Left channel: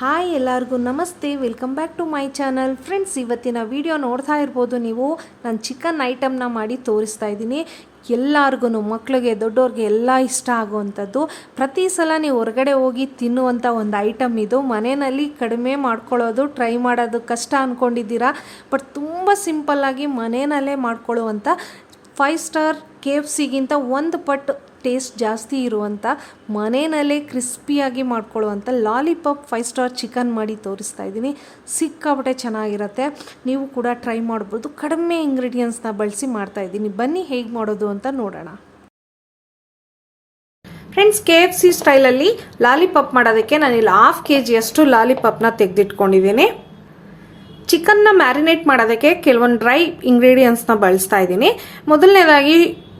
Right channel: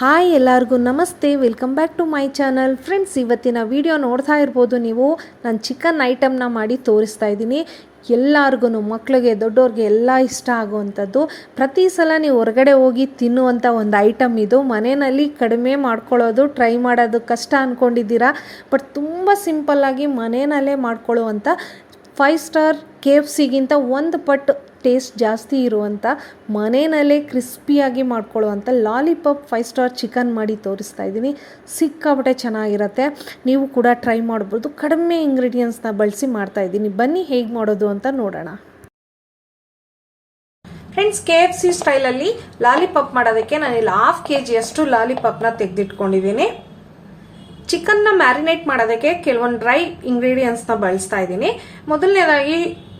Hi ಎಲ್ಲರಿಗೂ ನಮಸ್ತೆ, welcome back to my channel. Friends, ಇವತ್ತಿನ ವಿಡಿಯೋ ನೋಡ್ತಾ ಇರ್ಬೋದು ನೀವು. ನಾನು ಚಿಕನ್ ಐಟಮ್ನ ಮಾಡಿ ತೋರಿಸ್ತಾ ಇದ್ದೀನಿ. ಎಲ್ಲರಿಗೂ ಮಕ್ಕಳಿಗೆ ದೊಡ್ಡವ್ರಿಗೆ ಎಲ್ಲ ಇಷ್ಟ ಆಗುವಂಥದ್ದು. ಪ್ರತಿ ಸಲ ನೀವು ಹೊರಗಡೆ ಹೋಗಿ ತಿನ್ನುವಂಥ ಒಂದು ಐಟಮ್ ಇದು. ಮನೆಯಲ್ಲಿ ಕಡಿಮೆ ಮಾಡ್ಕೊಳ್ಳೋದು, ಟ್ರೈ ಮಾಡೋದು ಕಷ್ಟ ಅಂದ್ಕೊಂಡಿದ್ದೀರಾ ಬಟ್ ತುಂಬ ಸಿಂಪಲ್ಲಾಗಿ ಮನೆಯಲ್ಲೇ ಮಾಡ್ಕೊಳ್ಳುವಂಥ ಫೈವ್ ಸ್ಟಾರ್ ಕೆ ಎಫ್ ಸಿಗಿಂತ ಒಂದು ಪಟ್ಟು ಟೇಸ್ಟ್ ಜಾಸ್ತಿ ಇರುವಂಥ ಮನೆಯಲ್ಲೇ ಕ್ರಿಸ್ಪಿಯಾಗಿ ಮಾಡ್ಕೊಳ್ಳುವಂಥ ಲಾಲಿಪಾಪ್ ಫೈವ್ ಸ್ಟಾರ್ ಚಿಕನ್ ಮಾಡಿ ತೋರಿಸ್ತಾ ಇದ್ದೀನಿ. ಸಿಕ್ಕಾಪಟ್ಟೆ ಚೆನ್ನಾಗಿರುತ್ತೆ. ನೀವು ಕೂಡ ಟ್ರೈ ಮಾಡ್ಬೋದು. ಕಡಿಮೆ ಇಂಗ್ರೀಡಿಯೆಂಟ್ಸ್ನ ಬಳಸಿ ಮಾಡ್ತಾ ಇದ್ದೀನಿ. ಬನ್ನಿ ಹೇಗೆ ಮಾಡೋದು ಅಂತ ನೋಡೋಣ. ಫ್ರೆಂಡ್ಸ್, ಕೆ ಎಫ್ ಸಿ ಸ್ಟೈಲಲ್ಲಿ ಲಾಲಿಪಾಪ್ ಮಾಡೋದಕ್ಕೆ ನಾನಿಲ್ಲಿ ಹಾಫ್ ಕೆ ಜಿಯಷ್ಟು ಲಾಲಿಪಾಪ್ನ ತೆಗೆದಿಟ್ಕೊಂಡಿದ್ದೀನಿ. ಚಿಕನ್ನ ಮ್ಯಾರಿನೇಟ್ ಮಾಡೋದಕ್ಕೆ ಕೆಲವೊಂದು ಡ್ರೈ ಇಂಗ್ರೀಡಿಯೆಂಟ್ಸ್ನ ಬಳಸ್ತಾ ಇದ್ದೀನಿ. ಮೊದಲನೇದಾಗಿ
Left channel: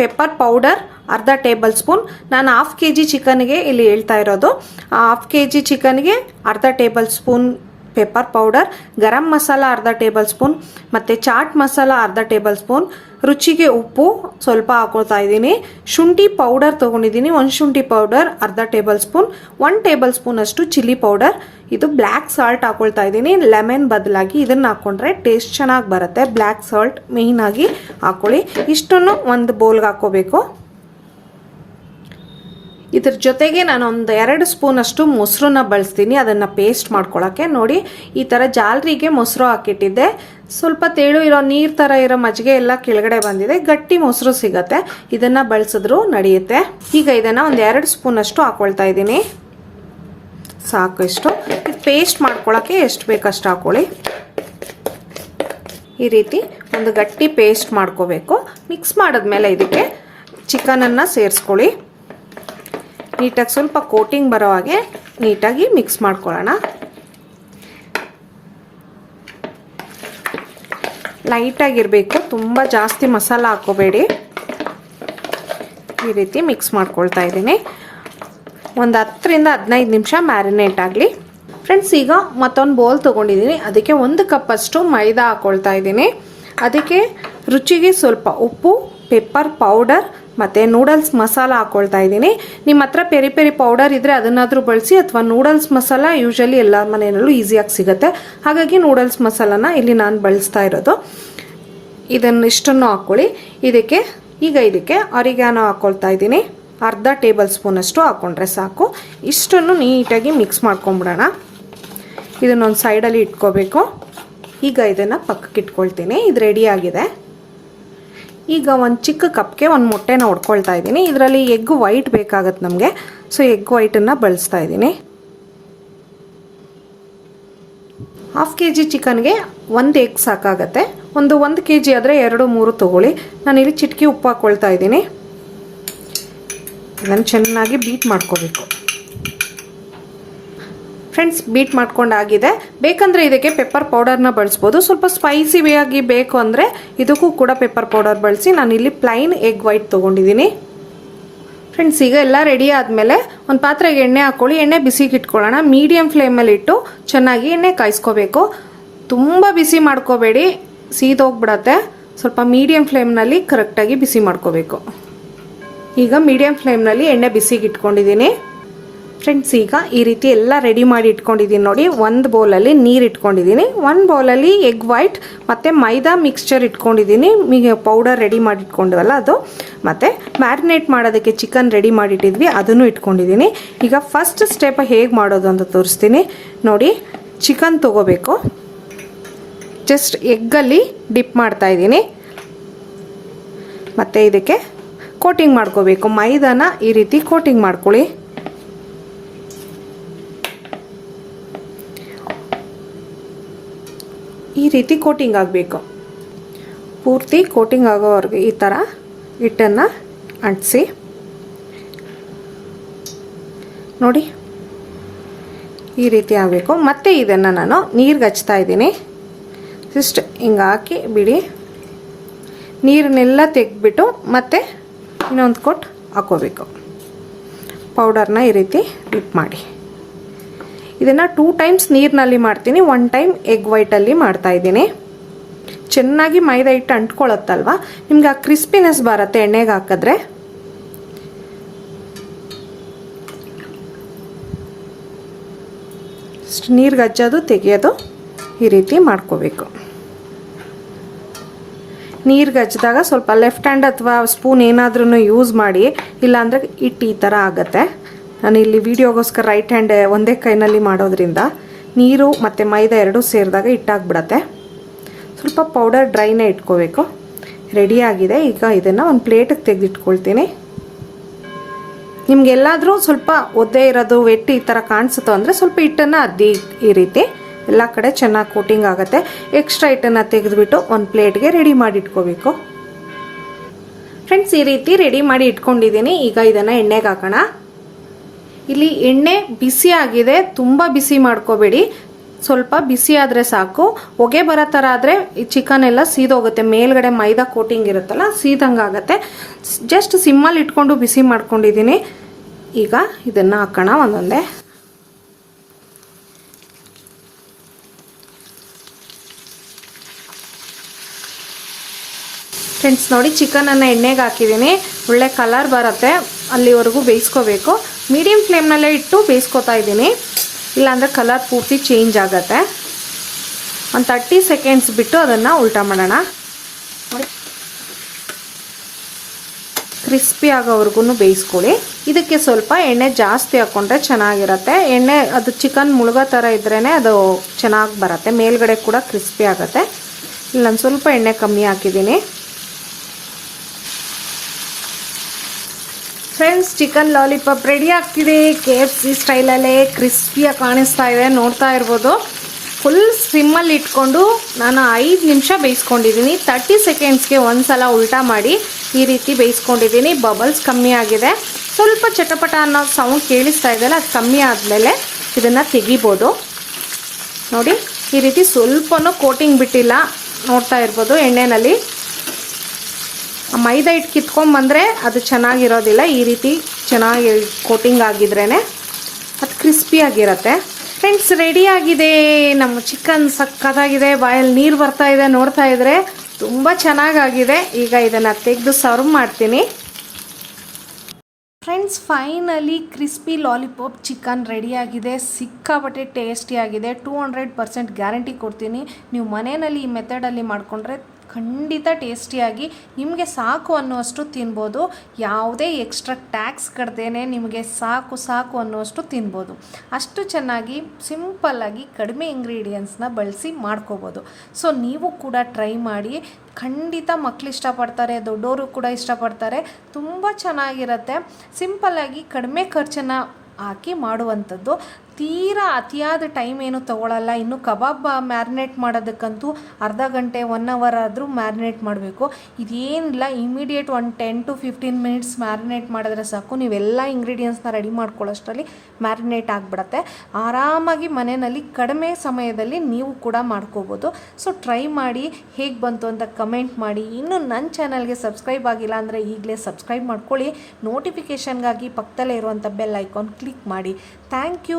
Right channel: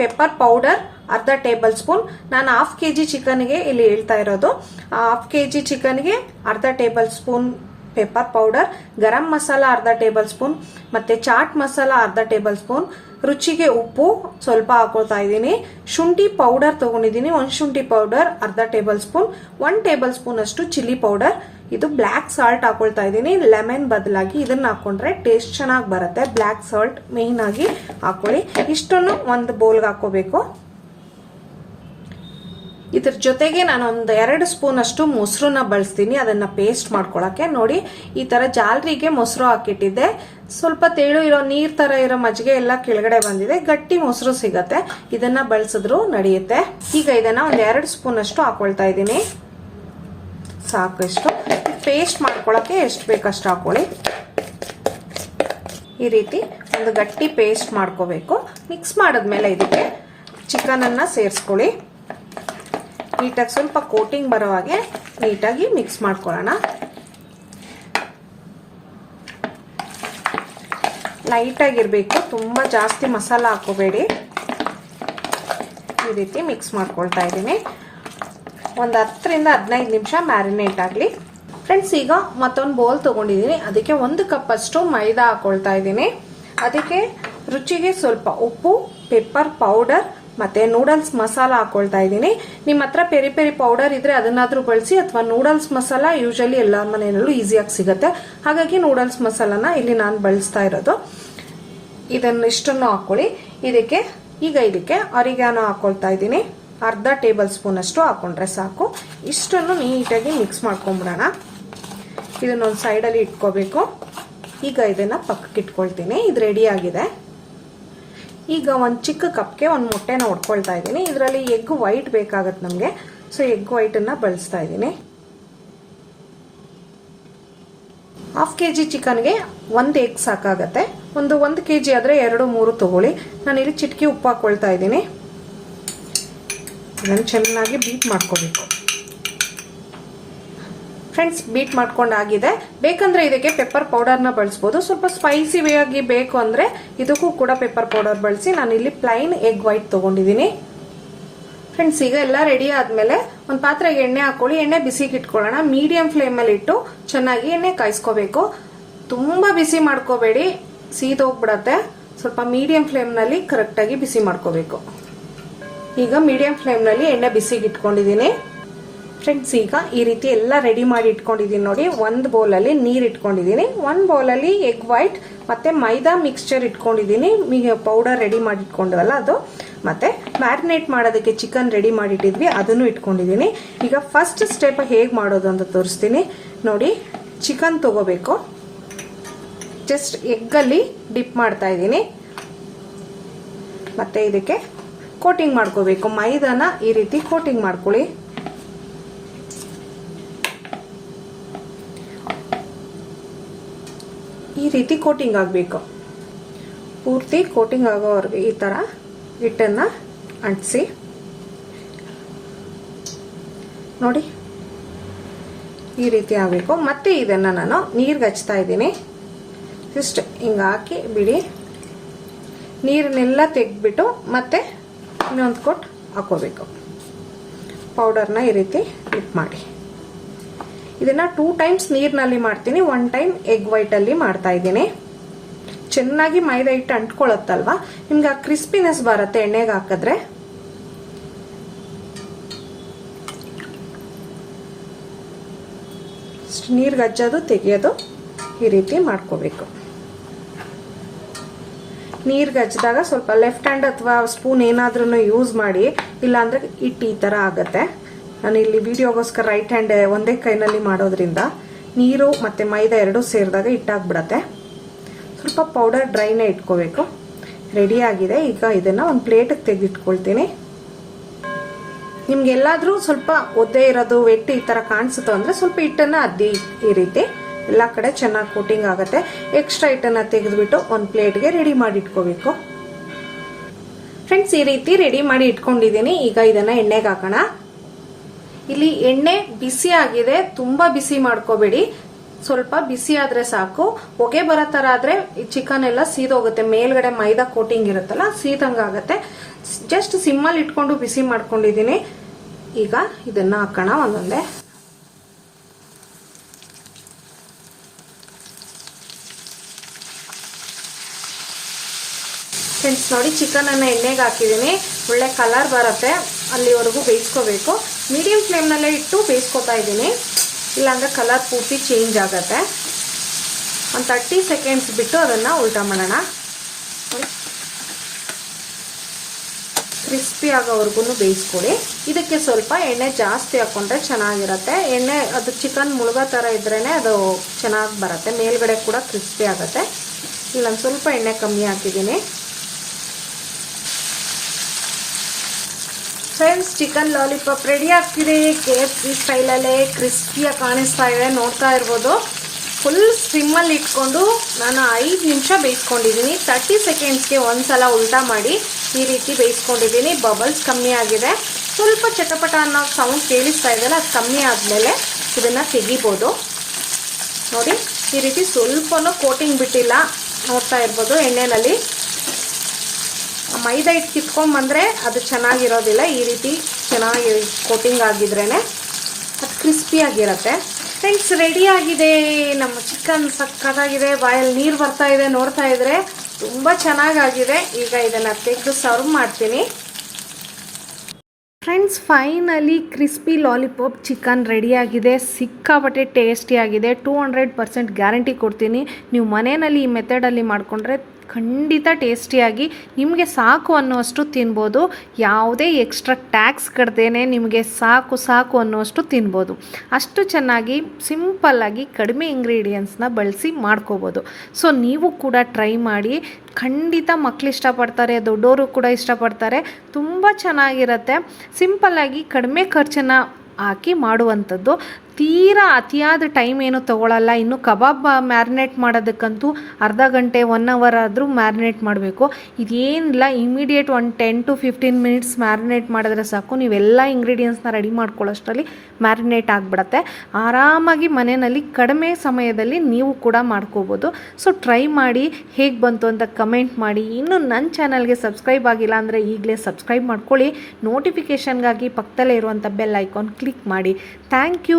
ಪೆಪ್ಪರ್ ಪೌಡರ್ ಅರ್ಧ ಟೇಬಲ್ ಸ್ಪೂನ್ ನಾನು ಹಾಫ್ ಕೆ ಜಿ ಚಿಕನ್ಗೆ ಇಲ್ಲಿ ಹೇಳ್ತಾ ಇರೋದು. ಹಾಫ್ ಕೆ ಜಿ ಚಿಕನ್ಗೆ ಅರ್ಧ tablespoon pepper powder garam masala ಅರ್ಧ ಟೇಬಲ್ ಸ್ಪೂನ್ ಮತ್ತು ಚಾಟ್ ಮಸಾಲ ಅರ್ಧ ಟೇಬಲ್ ಸ್ಪೂನ್ ರುಚಿಗೆ ಉಪ್ಪು ಸ್ವಲ್ಪ ಹಾಕೊಳ್ತಾ ಇದ್ದೀನಿ. ಶುಂಠಿ ಪೌಡರ್ ತೊಗೊಂಡಿದ್ದೀನಿ. ಒಂದು ಶುಂಠಿ ಪೌಡರ್ ಅರ್ಧ table spoon one table spoon ಅಷ್ಟು ಚಿಲ್ಲಿ ಪೌಡರ್ ಇದು ಬ್ಲ್ಯಾಕ್ ಸಾಲ್ಟ್ ಹಾಕೊಳ್ತಾ ಇದ್ದೀನಿ. ಲೆಮನ್ ಬದಲಾಗಿ ಇದನ್ನ ಹಾಕೊಂಡ್ರೆ ಟೇಸ್ಟ್ ಚೆನ್ನಾಗಿ ಬರುತ್ತೆ. ಬ್ಲ್ಯಾಕ್ ಸಾಲ್ಟ್ ಮೇಯ್ನಾಗಿ ಆಗಿ ಹಾಕೊಳ್ಳಿ. ಇಷ್ಟನ್ನು ಒಂದು ಬೌಲ್ಗೆ ಹಾಕೋಬೇಕು ಇದ್ರ ಜೊತೆಗೆ ನಾನು ಒಂದು ಎರಡು ಸ್ಪೂನ್ ಅಷ್ಟು ಮೊಸರನ್ನ ಬಳಸ್ತೀನಿ. ಅದನ್ನ ಪೇಸ್ಟ್ ಮಾಡ್ಕೊಳ್ಳೋಕ್ಕೆ ನೋಡಿ, ಈ ತರ ಜಾಲರಿಗೆ ಮೊಸರು ಹಾಕಿಟ್ಟಿದ್ದೆ. ಸ್ವಲ್ಪ ತೇಳು ಇರೋ ನೀರ್ ತರ ಇರೋ ಮಜ್ಜಿಗೆ ಎಲ್ಲ ಕೆಳಗಡೆ ಬಂದಿದೆ. ಗಟ್ಟಿ ಮೊಸರು ಸಿಗತ್ತೆ. ಇದನ್ನ ಬಳಸಿದ್ರು ನಡೆಯುತ್ತೆ. ಈಗ ಇದನ್ನ ಒಂದು ಎರಡು ಸ್ಪೂನ್ ಅಷ್ಟು ಹಾಕೊಳ್ತಾ ಇದ್ದೀನಿ. ಸಾಕು ಇಷ್ಟು. ಪೇಸ್ಟ್ ಮಾಡ್ಕೊಳಕ್ಕೆ ಎಷ್ಟು ಬೇಕಷ್ಟು ಹಾಕೊಳ್ಳಿ. ಈ ರೀತಿ ಒಂದು ಗಟ್ಟಿ ಪೇಸ್ಟ್ ಮಾಡ್ಕೋಬೇಕು. ಮಿಕ್ಸ್ ಮಾಡಿದ್ಮೇಲೆ ಇದಕ್ಕೆ ಚಿಕನನ್ನು ಸೇರಿಸ್ಕೊಳ್ಳಿ. ನೀಟಾಗಿ ಸ್ವಲ್ಪ ಕೋಟಿಂಗ್ ಬರೋ ಹಾಗೆ ನೀಟಾಗಿ ಮಿಕ್ಸ್ ಮಾಡ್ಕೊಳ್ಳೋಣ. ಲೈಟಾಗಿರಬೇಕು ತುಂಬ ಜಾಸ್ತಿ ಮಸಾಲ ಹಾಕೋಬೇಡಿ ಈ ರೀತಿ ಮಿಕ್ಸ್ ಮಾಡ್ಕೊಳ್ತಾ ಇದ್ದೀನಿ. ಒಂದು ಹತ್ತರಿಂದ ಹದಿನೈದು ನಿಮಿಷ ಮ್ಯಾರಿನೇಟ್ ಆಗಲಿ. ಫ್ರೆಂಡ್ಸ್ ಈಗ ಮತ್ತೊಂದು ಬೌಲ್ ತೊಗೊಂಡಿದ್ದೀನಿ ಅದಕ್ಕೆ ಒಂದು ಕಪ್ ಅಷ್ಟು ಮೈದಾ ಹಾಕೊಳ್ತಾ ಇದ್ದೀನಿ. ಅದಕ್ಕೆ ರುಚಿಗೆ ಸ್ವಲ್ಪ ಉಪ್ಪು ಪೆಪ್ಪರ್ ಪೌಡರ್ ಮತ್ತು ನೂಡಲ್ಸ್ ಮಸಾಲ ಹಾಕ್ಕೊಳ್ತಾ ಇದ್ದೀನಿ. ನಿಮ್ಮ ಹತ್ರ ಪೆರಿ ಪೆರಿ ಪೌಡರ್ ಇದ್ರೆ ಅದನ್ನಾದರೂ ಬಳಸಿ ಅಥವಾ ನೂಡಲ್ಸ್ ಮಸಾಲ ಯೂಶಲಿ ಎಲ್ಲ ಮನೆಯಲ್ಲೂ ಈಸಿಯಾಗಿ ಸಿಗುತ್ತೆ. ಹಾಗಾಗಿ ನೂಡಲ್ಸ್ ಮಸಾಲಾನ ಇಲ್ಲಿ ನಾನು ಬಳಸ್ತಾ ಇರೋದು. ಇದನ್ನು ಇಷ್ಟನ್ನು ಹಾಕ್ಕೊಳ್ಳಿ. ಇದಕ್ಕೆ, ಈಗ ಇದಕ್ಕೆ ಅರಿಗಾನೋ ಹಾಕೊಳ್ತಾ ಇದ್ದೀನಿ. ಅರ್ಧ ಟೇಬಲ್ ಸ್ಪೂನಷ್ಟು ಹಾಕ್ಕೊಂಡ್ರೆ ಸಾಕು. ಇಷ್ಟನ್ನು ನೀಟಾಗಿ ಮಿಕ್ಸ್ ಮಾಡ್ಕೊಂಬಿಡೋಣ. ಇದನ್ನೊಂದು ಸೈಡಲ್ಲಿ ಇಟ್ಕೋಬೇಕು. ಈಗ ಇದನ್ನು ಪಕ್ಕಕ್ಕೆ ಇಟ್ಕೊಳ್ತೀನಿ. ಇದು ರೆಡಿಯಾಗಿದೆ ಈಗ ಒಂದು ಚಿಕ್ಕ ಕಪ್ಗೆ ಒಂದು ಮೊಟ್ಟೆನ ಹೊಡ್ಕೊಳ್ತಾ ಇದ್ದೀನಿ. ಇದರಲ್ಲಿ ಎಗ್ ವೈಟ್ ಬೇಕಾಗತ್ತೆ ನಮಗೆ. ಸೊ ಎಗ್ ವೈಟನ್ನು ಬಳಸ್ತಾ ಇದ್ದೀನಿ. ಹಾಫ್ ಕೆ ಜಿ ಚಿಕನ್ಗೆ ಒಂದು ಎಗ್ ಸಾಕಾಗತ್ತೆ. ಒಂದು ಒಂದು ಕೆ ಜಿ ಆದರೆ ಎರಡು ಮೂರು ತೊಗೊಳ್ಳಿ. ಇಲ್ಲಿ ಚಿಟಕಿ ಉಪ್ಪು ಹಾಕ್ಕೊಳ್ತಾ ಇದ್ದೀನಿ. ಇದನ್ನು ಚೆನ್ನಾಗಿ ಬೀಟ್ ಮಾಡ್ಕೋಬೇಕು. ಫ್ರೆಂಡ್ಸ್ ಬೀಟ್ ಮಾಡ್ಕೊಂಡಾಗಿದೆ. ಬೇಕಂದ್ರೆ ಇದಕ್ಕೆ ಪೆಪ್ಪರ್ ಪೌಡರ್ನ ಬಳಸ್ಬೋದು. ಸ್ವಲ್ಪ ಸ್ಪೈಸಿ ಆಗಿ ಬೇಕು ಅಂದರೆ ಇದಕ್ಕೂ ಕೂಡ ಪೆಪ್ಪರ್ ಪೌಡರ್ ಬಳಸಿ ನಾನಿಲ್ಲಿ ಪ್ಲೈನ್ ಎಗ್ ವೈಟ್ ತೊಗೊಂಡಿದ್ದೀನಿ ಫ್ರೆಂಡ್ಸ್ ಈಗ ಎಲ್ಲ ರೆಡಿ ಆದಮೇಲೆ ಒಂದು ಪಾತ್ರೆಗೆ ಎಣ್ಣೆ ಹಾಕ್ಕೊಳ್ಳಿ ಎಣ್ಣೆ ಬಿಸಿಗೆ ಇಟ್ಕೊಳ್ಳೋಣ. ಮೀಡಿಯಂ ಫ್ಲೇಮಲ್ಲಿ ಇಟ್ಟು ಚೆನ್ನಾಗಿ ಎಣ್ಣೆ ಕಾಯಿಸ್ಕೋಬೇಕು. ತುಂಬ ಬಿಸಿ ಮಾಡ್ಕೋಬೇಡಿ. ಸೀದೋಗ್ಬಿಡತ್ತೆ. ಸ್ವಲ್ಪ ಮೀಡಿಯಂ ಫ್ಲೇಮ್ನಲ್ಲಿ ಕರೆಕ್ಟಾಗಿ ಬಿಸಿ ಮಾಡ್ಕೋಬೇಕು. ಈಗ ಮೀಡಿಯಂ ಫ್ಲೇಮ್ನಲ್ಲಿ ಎಣ್ಣೆ ಬಿಸಿಗೆ ಇಟ್ಕೊಂಡಿದ್ದೀನಿ ಫ್ರೆಂಡ್ಸ್ ಈಗ ಈ ರೀತಿ ಎಲ್ಲ ರೆಡಿ ಮಾಡಿ ಇಟ್ಕೊಂಡಿದ್ದೀನಿ ನೋಡಿ. ಒಂದು ಬೌಲಲ್ಲಿ ನೀರು ಇಟ್ಕೊಂಡಿದ್ದೀನಿ ಒಂದು ಬೌಲಲ್ಲಿ ಎಗ್ ವೈಟ್ ಮತ್ತು ಮೈದಾ ಮಿಕ್ಸ್ಚರ್ ಇಟ್ಕೊಂಡಿದ್ದೀನಿ ಪೌಡರ್ ರೆಡಿ ಮಾಡಿ ಇಟ್ಕೊಂಡಿವಲ್ಲ ಅದು. ಮತ್ತು ಮ್ಯಾರಿನೇಟ್ ಮಾಡೋದಕ್ಕೆ ಚಿಕನ್ ರೆಡಿ ಮಾಡಿಟ್ಟಿದ್ವಿ ಅದನ್ನು ಇಟ್ಕೊಂಡಿದ್ದೀನಿ ಈಗ ಫಸ್ಟ್ ಸ್ಟೆಪ್ ಹೇಗೆ ಮಾಡೋದು ಅಂತ ತೋರಿಸ್ತೀನಿ. ನೋಡಿ ಚಿಕನ್ ತಗೋಬೇಕು. ಜಸ್ಟ್ ಎಗ್ಗಲ್ಲಿ ಡಿಪ್ ಮಾಡ್ತಾ ಇದ್ದೀನಿ ಮತ್ತು ಇದಕ್ಕೆ ಕೋಟಿಂಗ್ ಮಾಡ್ಕೋಬೇಕು. ಮೈದಾನ ಈ ರೀತಿ ಕೋಟಿಂಗ್ ಮಾಡ್ಕೊಳ್ಳಿ. ಈ ರೀತಿ ಕೋಟಿಂಗ್ ಆಗಬೇಕು. ಪೂರ್ತಿ ಕೋಟಿಂಗ್ ಆಗೋವರೆಗೆ ಈ ಥರ ಹಿಟ್ಟನ್ನು ಅಂಟಿಸಿ. ನೋಡಿ, ಈ ರೀತಿ ಆಗಬೇಕು. ಮತ್ತೆ ಇದನ್ನು ನಾನು ನೀರಿಗೆ ಹಚ್ತಾ ಇದ್ದೀನಿ. ಜಸ್ಟ್ ಹಿಂಗೆ ಹಾಕಿ ಬಿಡಿ. ನೀರನ್ನೆಲ್ಲ ತೆಗೆದ್ಬಿಟ್ಟು ಮತ್ತೆ ಇನ್ನೊಂದು ಕೊಟ್ಟು ಹಾಕೋಬೇಕು. ಪೌಡರ್ನ ಈ ರೀತಿ ಡಿಪ್ ಮಾಡಿ. ಇದನ್ನು ಟೂ ಟೈಮ್ಸ್ ನೀರಿನಲ್ಲಿ ಮಾಡ್ತೀನಿ. ಒನ್ ಟೈಮ್ ಎಗ್ ವೈಟಲ್ಲಿ ಮಾಡ್ತಾ ಇದ್ದೀನಿ. ಚೆನ್ನಾಗಿ ಮೈದಾ ಹಿಟ್ಟು ಅಂಟ್ಕೊಳತ್ತಲ್ವ? ನಿಮ್ಗೆ ಆ ಕ್ರಿಸ್ಪಿನೆಸ್ ಬರುತ್ತೆ ಎಣ್ಣೆಗೆ ಹಾಕಿದ್ರೆ. ನೀರ್ಗೆ ಹಚ್ಚೋದು ತೆಗೆಯೋದು ಈ ರೀತಿ ಮಾಡ್ಕೋಬೇಕು. ನೀರಿಗೆ ಗಜ್ಜಿದಾಗ ಸ್ವಲ್ಪ ಲೆಫ್ಟ್ ಹ್ಯಾಂಡ್ ಅಥವಾ ಸ್ಪೂನ್ ಏನಾದ್ರೂ ಯೂಸ್ ಮಾಡಿ, ಇಲ್ಲಾಂದರೆ ಹಿಟ್ಟು ಈ ಥರ ಆಗುತ್ತೆ. ನಾನು ಇಲ್ಲಿ ವಿಡಿಯೋಗೋಸ್ಕರ ರೈಟ್ ಹ್ಯಾಂಡ್ ಒಂದೇ ಕೈನಲ್ಲಿ ಮಾಡೋದ್ರಿಂದ ನೀರು ಮತ್ತು ಮೈದಾ ಎರಡೂ ಸೇರಿದಾಗ ಹಿಟ್ಟಾಗ್ಬಿಡತ್ತೆ ಸ್ವಲ್ಪ ಪೌಡರ್ ಡ್ರೈನೇ ಇಟ್ಕೋಬೇಕು. ರೆಡಿ ಆಗಿದೆ. ಈಗ ಇದನ್ನು ಒಂದು ಪ್ಲೇಟಿಗೆ ತೆಗೆದಿಟ್ಕೊಳ್ತೀನಿ. ನಿಮ್ಗೆಲ್ಲಾದರೂ ಸ್ವಲ್ಪ ಒದ್ದೆ ಇರೋದು, ವೆಟ್ ಈ ಥರ ಕಾಣಿಸುತ್ತೋ ಅಂದರೆ ಸ್ವಲ್ಪ ಹಿಟ್ಟನ್ನು ಅದ್ದಿ ಈ ರೀತಿ ಎಲ್ಲ ಕಡೆ ಚೆನ್ನಾಗಿ ಕೋಟಿಂಗ್ ಆಗುತ್ತೆ. ಎಕ್ಸ್ಟ್ರಾ ಹಿಟ್ಟನ್ನು ತೆಗೆದುಬಿಟ್ಟು ಒಂದು ಪ್ಲೇಟ್ಗೆ ರೆಡಿ ಮಾಡಿ ಇಟ್ಕೋಬೇಕು. ಫ್ರೆಂಡ್ಸ್ ಈ ರೀತಿ ರೆಡಿ ಮಾಡಿ ಇಟ್ಕೊಂಡಿದ್ದೀನಿ. ಈಗ ಇದನ್ನು ಎಣ್ಣೆಗೆ ಹಾಕೋಣ. ಇಲ್ಲಿ ಎಣ್ಣೆ ಬಿಸಿ ಆಗಿದೆ. ತುಂಬ ಬಿಸಿ ಮಾಡ್ಕೋಬೇಡಿ. ಸ್ವಲ್ಪ ಬಿಸಿ ಆದರೆ ಸಾಕು. ಹೊಗೆ ಬರೋ ಥರ ಆದರೆ ಈ ಚಿಕನ್ ಎಲ್ಲ ಸೀದೋಗುತ್ತೆ. ಮೇಲ್ಗಡೆ ಮೈದಾ ಕೋಟಿಂಗ್ ಇರುತ್ತಲ್ಲ ಸೀದಂಗಾಗತ್ತೆ ಜಸ್ಟ್ ಸಿಮ್ಮಲ್ಲಿ ಇಟ್ಕೊಂಡು ಬಿಸಿ ಮಾಡ್ಕೊಂಡಿದ್ದೀನಿ. ಈಗ ಇದನ್ನು ಹಾಕೋಣ ಒಂದೊಂದೇ. ಫ್ರೆಂಡ್ಸ್ ನೋಡಿ ಚಿಕನ್ ಅನ್ನ ಎಣ್ಣೆಗೆ ಹಾಕಿದ್ದೀನಿ. ಒಳ್ಳೆ ಕಲರ್ ಬರುತ್ತೆ. ಅಲ್ಲಿವರೆಗೂ ಬೇಯಿಸ್ಕೋಬೇಕು. ಮೀಡಿಯಂ ಫ್ಲೇಮ್ನಲ್ಲೇ ಇಟ್ಟು ಬೇಯಿಸ್ಕೊತಾ ಇದ್ದೀನಿ. ಇಲ್ಲಾಂದರೆ ಕಲರ್ ಪೂರ್ತಿ ಚೇಂಜ್ ಆಗುತ್ತೆ. ಒಂದು ತರ್ಟಿ ಸೆಕೆಂಡ್ಸ್ ಬಿಟ್ಟು ಅದನ್ನು ಉಲ್ಟಾ ಮಾಡೋಣ. ಕ್ರಿಸ್ಪಿ ಆಗೋವರೆಗೂ ಬೇಯಿಸ್ಕೊಳ್ಳಿ. ಇದಕ್ಕೆ ಸ್ವಲ್ಪ ಎಣ್ಣೆ ಜಾಸ್ತಿ ಹಾಕೊಂಡ್ರೆ ಚೆನ್ನಾಗಿರುತ್ತೆ. ಎಣ್ಣೆ, ಅದು ಚಿಕನ್ ಮುಳುಗೋ ಥರ ಇದ್ರೇ ಅದು ಚೆನ್ನಾಗಿ ಬರುತ್ತೆ. ಮೇಲ್ಗಡೆ ಕೂಡ ಕ್ರಿಸ್ಪಿ ಆಗುತ್ತೆ. ನಾನು ಸ್ವಲ್ಪ ಎಣ್ಣೆ ಕಮ್ಮಿ ಹಾಕಿದ್ದೀನಿ. ಫ್ರೆಂಡ್ಸ್ ಚಿಕನ್ ಲಾಲಿಪಾಪ್ ರೆಡಿ ಆಗ್ತಿದೆ. ಕೆ ಎಫ್ ಸಿ ಸ್ಟೈಲಲ್ಲೇ ಕ್ರಿಸ್ಪಿಯಾಗಿ ಕಾಣಿಸ್ತಾ ಇದೆ. ನೋಡ್ತಾ ಇರ್ಬೋದು. ಫುಲ್ ಸ್ವಿಮ್ಮಲ್ಲಿ ಇಟ್ಕೊಂಡು ನಾನು ಐದು ನಿಮಿಷ ಬೇಯಿಸ್ಕೊಂಡಿದ್ದೀನಿ. ತರ್ಟಿ ಸೆಕೆಂಡ್ಸ್ಗೆ ಒಂದ್ಸಲ ಉಲ್ಟಾ ಮಾಡಿ ಈ ರೀತಿ ಬೇಯಿಸ್ಕೊಂಡಿದ್ದೀನಿ. ಬಬಲ್ಸ್ ಕಮ್ಮಿ ಆಗಿದೆ. ಸ್ವಲ್ಪ ಚಟಪಟ ಅನ್ನೋ ಸೌಂಡ್ ಕೇಳಿಸ್ತಾ ಇದೆಯಲ್ಲ, ಅದು ಕಮ್ಮಿ ಆದಮೇಲೆ ಇದನ್ನು ತೆಗಿಬೋದು. ನೋಡಿ, ಈ ರೀತಿ ಸ್ವಲ್ಪನೂ ಕೋಟಿಂಗ್ ಬಿಟ್ಟಿಲ್ಲ. ನೋಡ್ತಾ ಇರ್ಬೋದು ಎಣ್ಣೆನಲ್ಲಿ ಮೈದಾ ಹಿಟ್ಟು ಕಿತ್ಕೊಂಡ್ಬಂದರೆ ಅದು ಚೆನ್ನಾಗಿರೋದಿಲ್ಲ. ಈ ರೀತಿ ಚೆನ್ನಾಗಿ ಕೋಟಿಂಗ್ ಆಗಿದ್ರೇ ಅದು ಕ್ರಿಸ್ಪಿಯಾಗಿರುತ್ತೆ ಫ್ರೆಂಡ್ಸ್ ರೆಡಿಯಾಗಿದೆ ನಮ್ಮ ಚಿಕನ್ ಸಕ್ಕತ್ತಾಗಿದೆ. ಬಾಯಲ್ಲಿ ನೀರು ಬರ್ತಾ ಇದೆ, ನೋಡ್ತಾ ಇದ್ರೆ ತುಂಬ ಚೆನ್ನಾಗಾಗಿದೆ. ಈಗ ಇದನ್ನು ತೆಗೆದು ಸರ್ವ್ ಮಾಡ್ತೀನಿ. Friends finally crispy lollipop chicken ರೆಡಿಯಾಗಿದೆ ಸಿಕ್ಕಾಪಟ್ಟೆ ಟೇಸ್ಟಿಯಾಗಿದೆ ಟೂ ಹಂಡ್ರೆಡ್ ಪರ್ಸೆಂಟ್ ಗ್ಯಾರಂಟಿ ಕೊಡ್ತೀನಿ. ನೀವು ಮನೆಯಲ್ಲಿ ಈ ಮೆಥಡಲ್ಲಿ ಮಾಡಿಕೊಂಡ್ರೆ ಖಂಡಿತ ಟೇಸ್ಟಿಯಾಗಿ ನಿಮಗೆ ಸಾಕು ಅನ್ನೋಷ್ಟು ತಿನ್ಬೋದು. ಯಾವುದೇ ಎಕ್ಸ್ಟ್ರಾ ಟ್ಯಾಕ್ಸ್ ಕಡ್ದೇನೆ ನಿಮಗೆ ಸಾಕು ಸಾಕು ಅನ್ನೋಷ್ಟು ತಿನ್ಬೋದು. ಅಷ್ಟು ಚೆನ್ನಾಗಿ ಸಿಂಪಲ್ಲಾಗಿ ಕಡಿಮೆ ಇಂಗ್ರೀಡಿಯೆಂಟ್ಸ್ನ ಬಳಸಿ ಮಾಡ್ಕೋಬೋದು. ಸೊ ನೀವು ಕೂಡ ಟ್ರೈ ಮಾಡಿ. ಖಂಡಿತ ಮಕ್ಕಳು ಇಷ್ಟಪಡ್ತಾರೆ ದೊಡ್ಡವರು ಕೂಡ ಇಷ್ಟಪಡ್ತಾರೆ. ತುಂಬ ಚೆನ್ನಾಗಿರುತ್ತೆ. ಸಿಂಪಲ್ಲಾಗಿ ಕಡಿಮೆ ಖರ್ಚನ್ನು ಹಾಕಿ ಮಾಡುವಂಥದ್ದು. ತೀರಾ ಅತಿಯಾದ ಟೈಮ್ ಏನು ತೊಗೊಳ್ಳಲ್ಲ ಇನ್ನು ಕಬಾಬ್ ಮ್ಯಾರಿನೇಟ್ ಮಾಡೋದಕ್ಕಂತೂ ಅರ್ಧ ಗಂಟೆ ಒನ್ ಅವರ್ ಆದರೂ ಮ್ಯಾರಿನೇಟ್ ಮಾಡಬೇಕು. ಇದೇನಿಲ್ಲ immediate one ten to fifteen minutes marinate ಮಾಡಿದ್ರೆ ಸಾಕು. ನೀವೆಲ್ಲ ಇಂಗ್ರೀಡಿಯೆಂಟ್ಸ್ನ ರೆಡಿ ಮಾಡ್ಕೊಳ್ಳೋಷ್ಟರಲ್ಲಿ ಮ್ಯಾರಿನೇಟ್ ಆಗಿಬಿಡತ್ತೆ. ಆರಾಮಾಗಿ ಮನೆಯಲ್ಲಿ ಕಡಿಮೆ ಸಮಯದಲ್ಲಿ ನೀವು ಕೂಡ ಮಾಡ್ಕೋಬೋದು. ಸೊ ಟ್ರೈ ಮಾಡಿ ಹೇಗೆ ಬಂತು ಅಂತ ಕಮೆಂಟ್ ಮಾಡಿ. ಇನ್ನು ನನ್ನ ಚಾನಲ್ಗೆ ಸಬ್ಸ್ಕ್ರೈಬ್ ಆಗಿಲ್ಲ ಅಂದರೆ ಈಗಲೇ ಸಬ್ಸ್ಕ್ರೈಬ್ ಮಾಡ್ಕೊಳ್ಳಿ. ನೋಟಿಫಿಕೇಷನ್ಗಾಗಿ ಪಕ್ಕದಲ್ಲೇ ಇರುವಂಥ ಬೆಲ್ ಐಕಾನ್ ಕ್ಲಿಕ್ ಮಾಡಿ. Thank you